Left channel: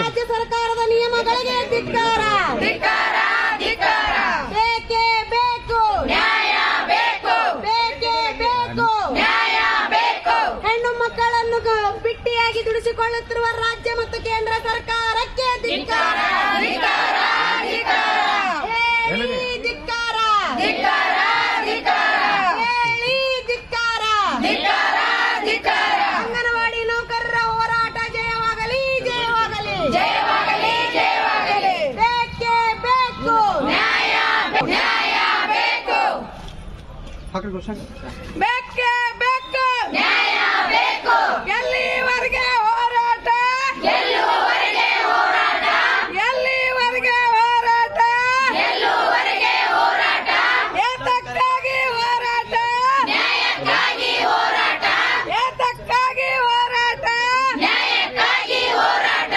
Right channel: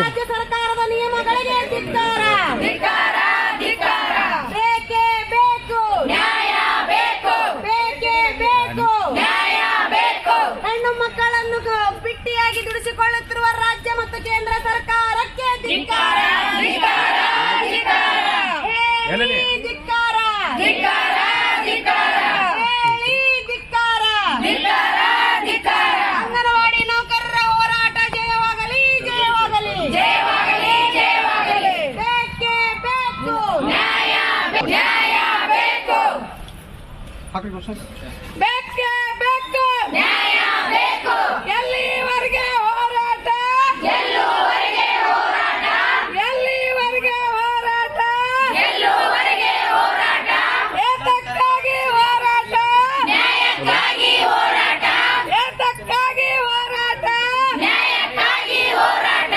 ರಾಜ್ಯ ಸರ್ಕಾರದ ನಿಯಮಗಳಿಗೆ ಧಿಕ್ಕಾರ ಬೇಕೇ ಬೇಕು ನ್ಯಾಯ ಬೇಕು ಬೇಕೇ ಬೇಕು ನ್ಯಾಯ ಬೇಕು ಹೆಣ್ಣು ಮಕ್ಕಳನ್ನು ಬಿಟ್ಟಿಯಾಗಿ ದುಡಿಸಿಕೊಳ್ಳುತ್ತಿರುವ ರಾಜ್ಯ ಮತ್ತು ಕೇಂದ್ರ ಸರ್ಕಾರಕ್ಕೆ ಧಿಕ್ಕಾರ ಹೇಳಿ ಧಿಕ್ಕಾರ ಹೇಳಿ ಧಿಕ್ಕಾರ ಅಂಗನವಾಡಿ ನೌಕರರ ಹೋರಾಟ ಜಯವಾಗಲಿ ಜಯವಾಗಲಿ ಜಯವಾಗಲಿ ಜಯವಾಗಲಿ ಬೇಕೇ ಬೇಕು ನ್ಯಾಯ ನ್ಯಾಯ ಬೇಕು ಬೇಕೇ ಬೇಕು ನ್ಯಾಯ ಬೇಕು ಎಲ್ಲಿವರೆಗೆ ಹೋರಾಟ? ಎಲ್ಲಿವರೆಗೆ ಹೋರಾಟ? ಎಲ್ಲಿವರೆಗೆ ಹೋರಾಟ ಎಲ್ಲಿವರೆಗೆ ಹೋರಾಟ ಏತಕ್ಕಾಗಿ ಹೋರಾಟ? ನ್ಯಾಯಕ್ಕಾಗಿ ಹೋರಾಟ ಏತಕ್ಕಾಗಿ ಹೋರಾಟ? ನ್ಯಾಯಕ್ಕಾಗಿ ಹೋರಾಟ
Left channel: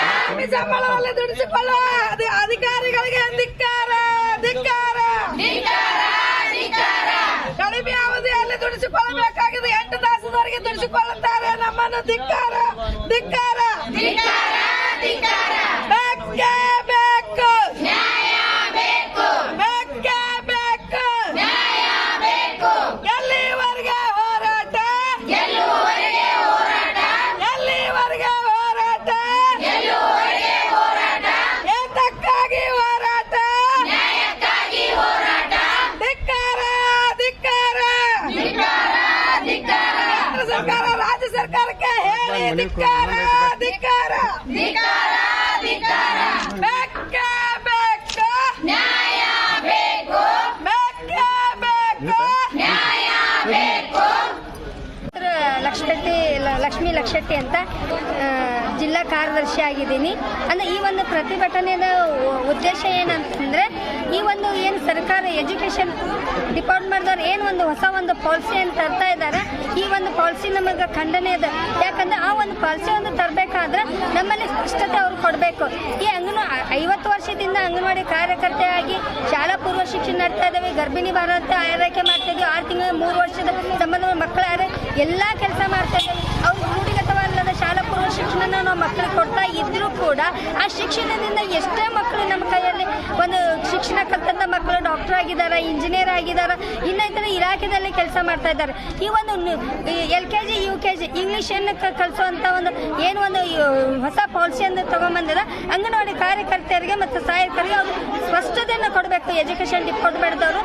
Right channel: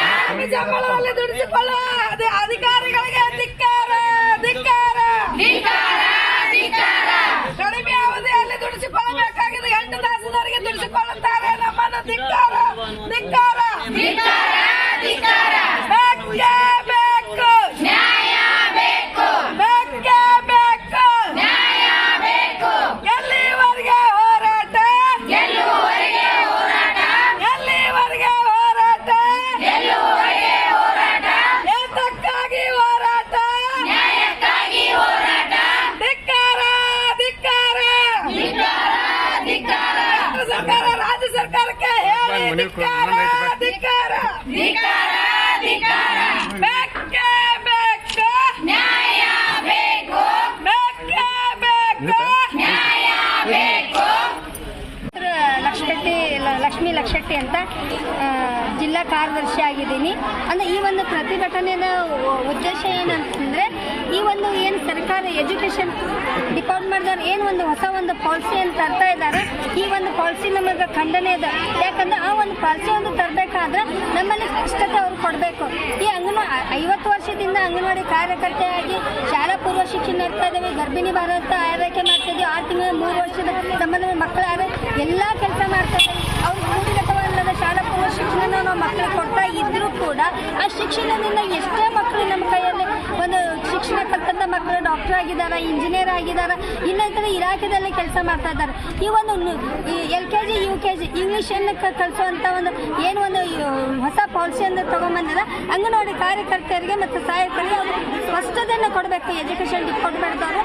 ಸಂಬಳದಲ್ಲಿ ದುಡಿಸಿಕೊಳ್ಳುವ ಅಧಿ- ಅಧಿಕಾರಿಗಳಿಗೆ ಧಿಕ್ಕಾರ ಧಿಕ್ಕಾರ ಕಡಿಮೆ ಅವಧಿಯಲ್ಲಿ ದುಡಿಸಿಕೊಳ್ಳಬೇಕಾಗಿದೆ ಎಂಟು ತಾಸಿನವರೆಗೆ ತಿಳಿಸಿಕೊಳ್ಳುತ್ತಾರೆ ನಮ್ಮನ್ನು ಧಿಕ್ಕಾರ ಧಿಕ್ಕಾರ. ಲ- ಲಕ್ಷ್ಮಿ ಲಕ್ಷೆಟ್ಟಿ ಅಂತ ಜಿಲ್ಲಾ ಕಾರ್ಯದರ್ಶಿ ಆಗಿದ್ದೀನಿ. ಅಂದರೆ ಈ ಒಂದು ಪ್ರತಿಭಟನೆಯ ಉದ್ದೇಶ ಏನಂತಂದರೆ ಈ ಒಂದು ಏನು ಸರ್ಕಾರ ಎಜುಕೇಷನ್ ಡಿಪಾರ್ಟ್ಮೆಂಟ್ದವ್ರು ಏನು ಒಂದು ಹೊಸ ಒಂದು ಪಾಲಿಸಿಯನ್ನು ತರ್ತಾ ಇದ್ದಾರೆ, ಈ ಒಂದು ಪಾಲಿಸಿ ನಮಗೆ ಖಂಡನೆ ಇದೆ. ಯಾಕಂದ್ರೆ ಆ ಒಂದು ಪಾಲಿಸಿ ಒಂದು ತರಬೇಕಾದ್ರೆ ನಮ್ಮಲ್ಲಿ ಸ್ಪಷ್ಟತೆ ಅವ್ರು ಕೊಡಬೇಕು. ಈ ಅಂಗನ ಐವತ್ತು ವರ್ಷದಿಂದ ಅಂಗನವಾಡಿ ಕಾರ್ಯಕರ್ತೆಯಾಗಿ ಶಾಲಾ ಪೂರ್ವ ಶಿಕ್ಷಣ ನಡ್ತಾ ಇದ್ದೇವೆ ಗರ್ಭಿಣಿ ಭಾರತ ಆರೈಕೆ ಮಾಡ್ತಾ ಇದ್ದೀವಿ ಆರು ತಿಂಗಳ, ಮೂರು ವರ್ಷದ ಸಂಬಂಧ ಮಕ್ಕಳ ಎಲ್ಲ ಕೆಲಸ ಮಾಡ್ತಾ ಇದ್ದೀವಿ ಅವ್ರು ರೂಢಿಗತವಲ್ಲದ ಶಾಲಾ ಪೂರ್ವ ಶಿಕ್ಷಣ ನಾವು ಮಕ್ಕಳಿಗೆ ಕೊಡ್ತಾ ಇದ್ರೂ ಕೂಡ ಶಿಕ್ಷಣದಿಂದ ಎಷ್ಟೇ ಮಕ್ಕಳು ನಮ್ಮ ಕೈಯಲ್ಲಿ ಒಂದು ಶಿಕ್ಷಣ ಕಲ್ತಂಥ ಮಕ್ಕಳು ಡಾಕ್ಟರ್ ಆಗಿದ್ದಾರೆ ಇಂಜಿನಿಯರ್ ಆಗಿದ್ದಾರೆ ಇನ್ನಿತರ ಇಲಾಖೆದಲ್ಲಿ ಕೆಲಸ ಮಾಡ್ತಾ ಇದ್ದಾರೆ. ಈ ಒಂದು L K G U K G ಇಂಗ್ಲೀಷನ್ನು ಕಲಿಸುವಂಥ ಒಂದು ಏನು ಒಂದು ಹೊಸ ಪಾಲಿಸಿಯನ್ನು ತಗೊಂಬಂದಿರ ಅಂಗನವಾಡಿ ಕಾರ್ಯಕರ್ತೆಯರಿಗೆ ಮತ್ತು ಸಹಾಯಕರಿಗೆ ಅವರು ಸ್ಪಷ್ಟತೆಯನ್ನು ಕೊಡಬೇಕು. ಎಜುಕೇಷನ್ ಡಿಪಾರ್ಟ್ಮೆಂಟ್ದವರು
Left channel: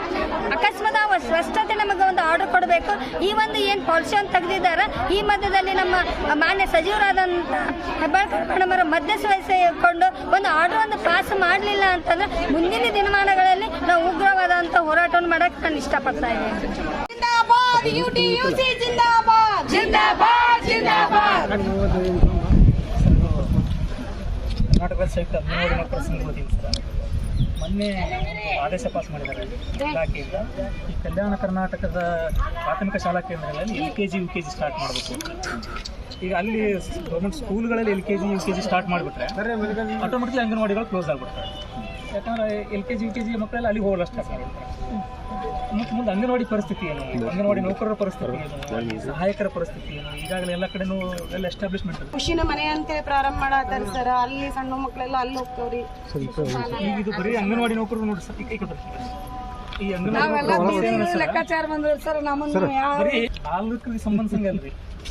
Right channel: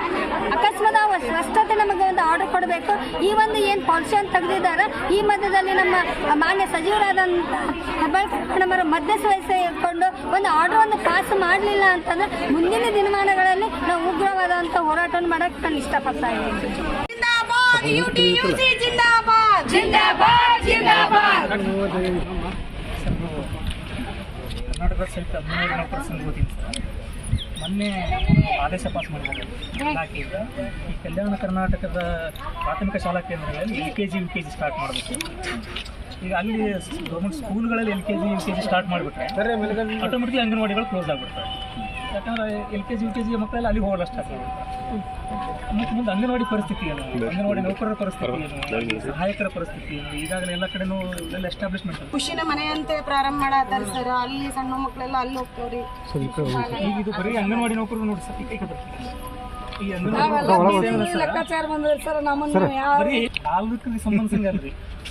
ಅಕಸ್ಮಾತ್ ಆ ಸ್ಪಷ್ಟತೆ ನಮಗೆ ಒಂದು ಆರ್ಡರ್ ಕೊಡಬೇಕು. ಈ ಒಂದು ಏನು ಪಾಲಿಸಿಯನ್ನು ತೆಗೆದಿದ್ದಾರೆ, ಈ ಮಧ್ಯದಲ್ಲಿ ನಮ್ಮ ಮಾನ್ಯ ಸಚಿವರಾದಂಥ ಮಧ್ಯಸ್ಥಿಕೊಂಡು ಒಂದು ಆರ್ಡರ್ ಒಂದು ಪಾಸ್ ಮಾಡಲಿಲ್ಲ ಅಂತಂದ್ರೆ ಮುಂದಿನ ದಿನಮಾನಗಳಲ್ಲಿ ನಾವು ಉಗ್ರವಾದಂತ ಹೋರಾಟವನ್ನು ಮಾಡಕ್ಕೆ ನಾನು ಇಷ್ಟಪಡ್ತಾ ಇದ್ದೀನಿ. ಸಹಿತ ಹದಿನೇಳು ಸರ್. ಮೊನ್ನೆ ಆದೇಶ ಪಾಸ್ ಮಾಡಿದ್ದಾರೆ ಇಲಾಖೆಯಿಂದ. ಈ ಕಲ್ಯಾಣ ಕರ್ನಾಟಕದ ಪ್ರಾಥಮಿಕ ಶಾಲಾ ಕೇಂದ್ರಗಳಲ್ಲಿ L K G U K G start ಮಾಡಬೇಕು. ಈಗ ಅಲ್ಲಿ government ಸ್ಕೂಲ್ಗಳಲ್ಲಿ L K G U K G start ಮಾಡಿಬಿಟ್ರೆ ಆಟೋಮೆಟಿಕ್ಲಿ ಅಂಗನವಾಡಿಗಳು ಕ್ಲೋಸ್ ಆಗಿಬಿಡ್ತವೆ. ಯಾಕಂದ್ರೆ L K G U K G ಮಕ್ಕಳೆಲ್ಲ ಅಲ್ಲಿ ಹೋಗಲ್ಲ ಸ್ಟಾರ್ಟ್ ಮಾಡಿಬಿಡ್ತಾರೆ ಮತ್ತು ಮುಂದೆ ಅಂಗನವಾಡಿ ಪರಿಸ್ಥಿತಿ ಏನು? ಅಂಗನವಾಡಿ ನೌಕರರ ಪರಿಸ್ಥಿತಿ ಏನು? ಸಹಾಯಕರ ಪರಿಸ್ಥಿತಿ ಏನು? ಈಗಾಗಲೇ ಎಲ್ಲ ಕಡೆನೂ ಎಲ್ಲ ಎಸ್ಟಾಬ್ಲಿಷ್ಮೆಂಟ್ ಖುಷಿನ ಮನೆ ಅಂತೆ ಪ್ರಾರಂಭ ಮಾಡತ್ತಾರ ಸರ್ ಅಲ್ಲಿ ಸಣ್ಣ ಮಕ್ಕಳೆಲ್ಲ ಅಲ್ಲಿ ಹೋಗ್ತೇವ್ರಿ. ಈಗ ಇದು ಬರೀ ಅಂಗನವಾಡಿ ನೌಕರರು ನೋಡಿ ಸರ್ ಈ ಲೆಕ್ಕಾಚಾರ ಬಂದ್ರೆ ಸರ್ ನಮ್ಮನ್ನ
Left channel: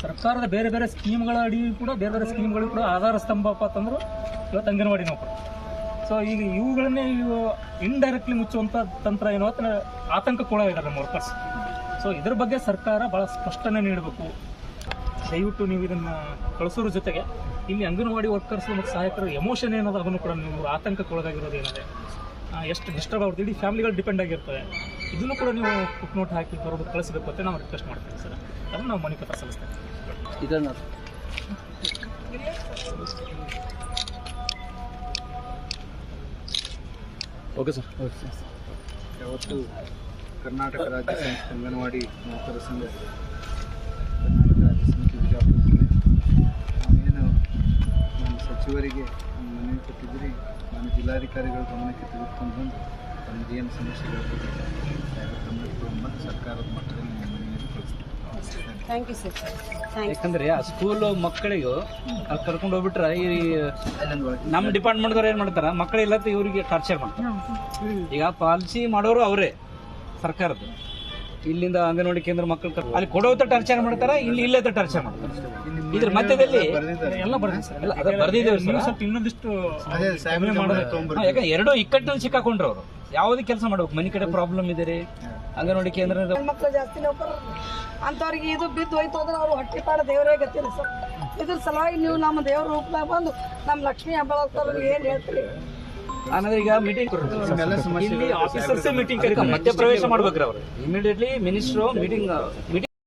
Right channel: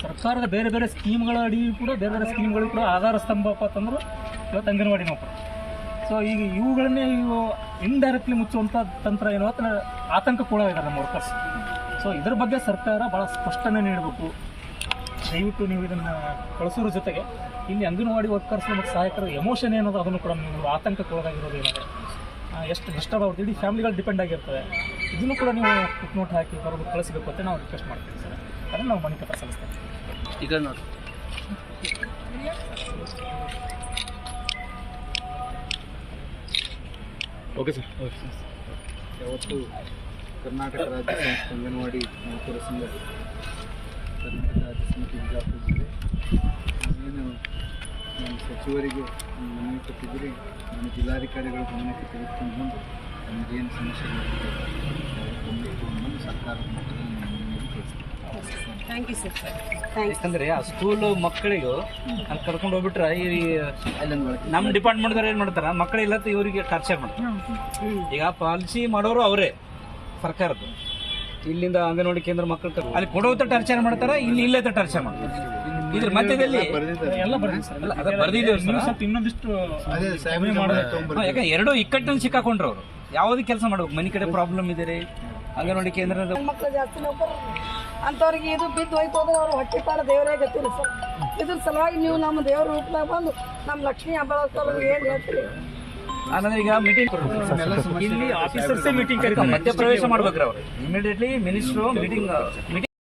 ಸರ್ಕಾರದ ಬೇರೆ ಬೇರೆ ಸ್ಕೀಮ್ಗಳ ಅಡಿ ಕೂಡ ಬೇರೆ ಬೇರೆ ಸ್ಕೀಮ್ಗಳು ಕೂಡ ಆಧಾರ ಸ್ತಂಭಪ್ಪ ಅಂತಂದ್ರೆ ಇವತ್ತು ಅಂಗನವಾಡಿ ನೌಕರು. ಸೊ ಈಗ ಇವುಗಳನ್ನೇ ಇವು ಇಂಡೈರೆಕ್ಟ್ಲಿ ಮುಚ್ಚುವಂಥ ತಂತ್ರ ಏನು? ಅಂತ ಇದ್ದಾರೆ ನಮ್ಮ ವರ್ಕರ್ಸ್ ಸೊ ಇದ್ರ ಬಗ್ಗೆ ಸರ್ಕಾರ ಭಾಳ ಸ್ಪಷ್ಟನೆ ನೀಡಬೇಕು. ದಯವಿಟ್ಟು ನೀವು ಇದನ್ನು ಕಳಿಸೋದ್ರ ಜೊತೆಗೆ ಇಲ್ಲಿ ಅಂಗನವಾಡಿ ವರ್ಕರ್ಸ್ ಮತ್ತು ಸಹಾಯಕರ ಎಮೋಷನ್ ಏನದ ಅದನ್ನು ಕೂಡ ನೀವು ಆತಂಕಕ್ಕೊಳಗಾಗಿರೋದು ಏನಿದೆ ಆ, ಡಿಸ್ಟರ್ಬ್ ಆಗುತ್ತೆ ಇಡೀ ಫ್ಯಾಮಿಲಿಗಳು ಡಿಪೆಂಡ್ ಆಗಿರ್ತದೆ. ಇದನ್ನು ಕೂಡ ನೀವು ಫುಟ್ ನೋಟ್ ಹಾಕಿ ಹೊರಗೆ ಕಳಿಸಬೇಕು ಅಂತ ನಾವು ರಿಕ್ವೆಸ್ಟ್ ಮಾಡ್ತೀವಿ ಸರ್. ಅದನ್ನು ನಾವು ಮನೆ ಪತ್ರ ಸಲ್ಲಿಸ್ತೇವೆ. ಈಗ ನೋಡಿ. ಓಕೆ ಸರ್ ಯಾವತ್ತು ಕರ್ನಾಟಕ ರಾಜ್ಯ ಸಂಸ್ಥೆ ಅಂಗನವಾಡಿ ನೌಕರ ಸಂಘ. ಕರ್ನಾಟಕ ರಾಜ್ಯ ಸಮಿತಿ ಬಿಜಾಪುರ ಜಿಲ್ಲೆ ನಾನೇನು ನಮ್ಮ ಸಚಿವರಿಗೆ ಮನವಿ ಕೊಟ್ಟಿದ್ದೀರಿ ನಾನು ಜಿಲ್ಲಾಧಿಕಾರಿಗಳ ಗಮನಕ್ಕೆ ತೆಗೆದುಕೊಂಡು ಬಂದು ತಮಗೇನು ಸಮಸ್ಯೆಗಳು ಗಮನಕ್ಕೆ ತಗೊಂಡು ಬಂದು ಸರ್ಕಾರದ ಮಟ್ಟದಲ್ಲಿ ನಮ್ಮ ಮನೆಯಲ್ಲಿ ಥ್ಯಾಂಕ್ ಯು ಸರ್ ಥ್ಯಾಂಕ್ ಯಾಕಂದ್ರೆ ಆ ಸ್ಕೂಲ್ ಮಕ್ಕಳಿಗೂ ಅಲ್ಲಿ ಕರ್ಕೊಂಡು ಹೋಗ್ಬಿಟ್ರೆ ಈ ನಮ್ಮ ಡಿಪಾರ್ಟ್ಮೆಂಟ್ದವ್ರು ಏನು ಮಾಡ್ತಾರೆ ಮಕ್ಕಳಿಲ್ಲ ಇವರಿಗೆ ಖರ್ಚೆ ಮಾಡ್ತಾರೆ ಈಗ ಪಾಲಿಸಿ ಮಾಡೋರು ಅವರೇ ಸರ್ಕಾರದ್ದು. ಇಲ್ಲಿಂದ ಅಂಗನವಾಡಿ ಕೇಂದ್ರ ಮಕ್ಕಳು ಕರ್ಕೊಂಡು ಅಲ್ಲಿ ಕೊಡೋತ ಟಾರ್ಚರ್ ಮಾಡ್ತಾರ? ಇಲ್ಲಿ ಇಲ್ಲೇ ಟಾರ್ಚರ್ ಮಾಡ್ತಾರೆ? ಇದ್ರ ಮಧ್ಯದಲ್ಲಿ ಎಲ್ಲ ಬರ್ದಿದ್ದೀವಿ ಸ್ವಲ್ಪ ಇನ್ನೊಂದಿಷ್ಟು ಯಾಕಂದ್ರೆ ಎರಡೂ ಇಕ್ಕಟ್ಟಿನಲ್ಲಿ ಸಿಕ್ಕಾಕೊಂಡ್ರು ಅವರು. ಯಾವುದೇ ಕೆಲಸ ಮಾಡ್ಬೇಕು? ಮನೆ ಕಡೆ ಪ್ರಾಬ್ಲಮ್ ಇದೆ ರೀ ಅಂಗನವಾಡಿ ಕೇಂದ್ರ ಮಕ್ಕಳು ಜಾಸ್ತಿ ನೌಕರ ಅಂಥವ್ರಿಗೆ ಇದು ಬಿದ್ದು ಹೋಯ್ತು ಅಂದ್ರೆ ಅವ್ರು ಹೊಟ್ಟೆ ಕಾಳು ದೇವರೇ ಗೊತ್ತಿಲ್ಲ ಸರ್. ಇದ್ರ ಸಲುವಾಗಿ ನೀವು ನಮ್ಮ ದೇವ್ರ ರೂಪದಾಗ ಬಂದು ನಮ್ಮ ಲಕ್ಷ್ಮೀ ಹಬ್ಬ ಏನು ಹೇಳ್ತೀರಿ? ಅನ್ನೋದ್ರೆ ಈಗ ಮೀಟಿಂಗ್ ಇಲ್ಲಿ ಆಫೀಸರ್ಸೇ ಮೀಟಿಂಗ್ ಕರೀತಾರೆ ಮಧ್ಯ ಪ್ರವೇಶ ಮಾಡ್ಬೇಕ್ರಿ ಅವರು. Immediately minister meeting meeting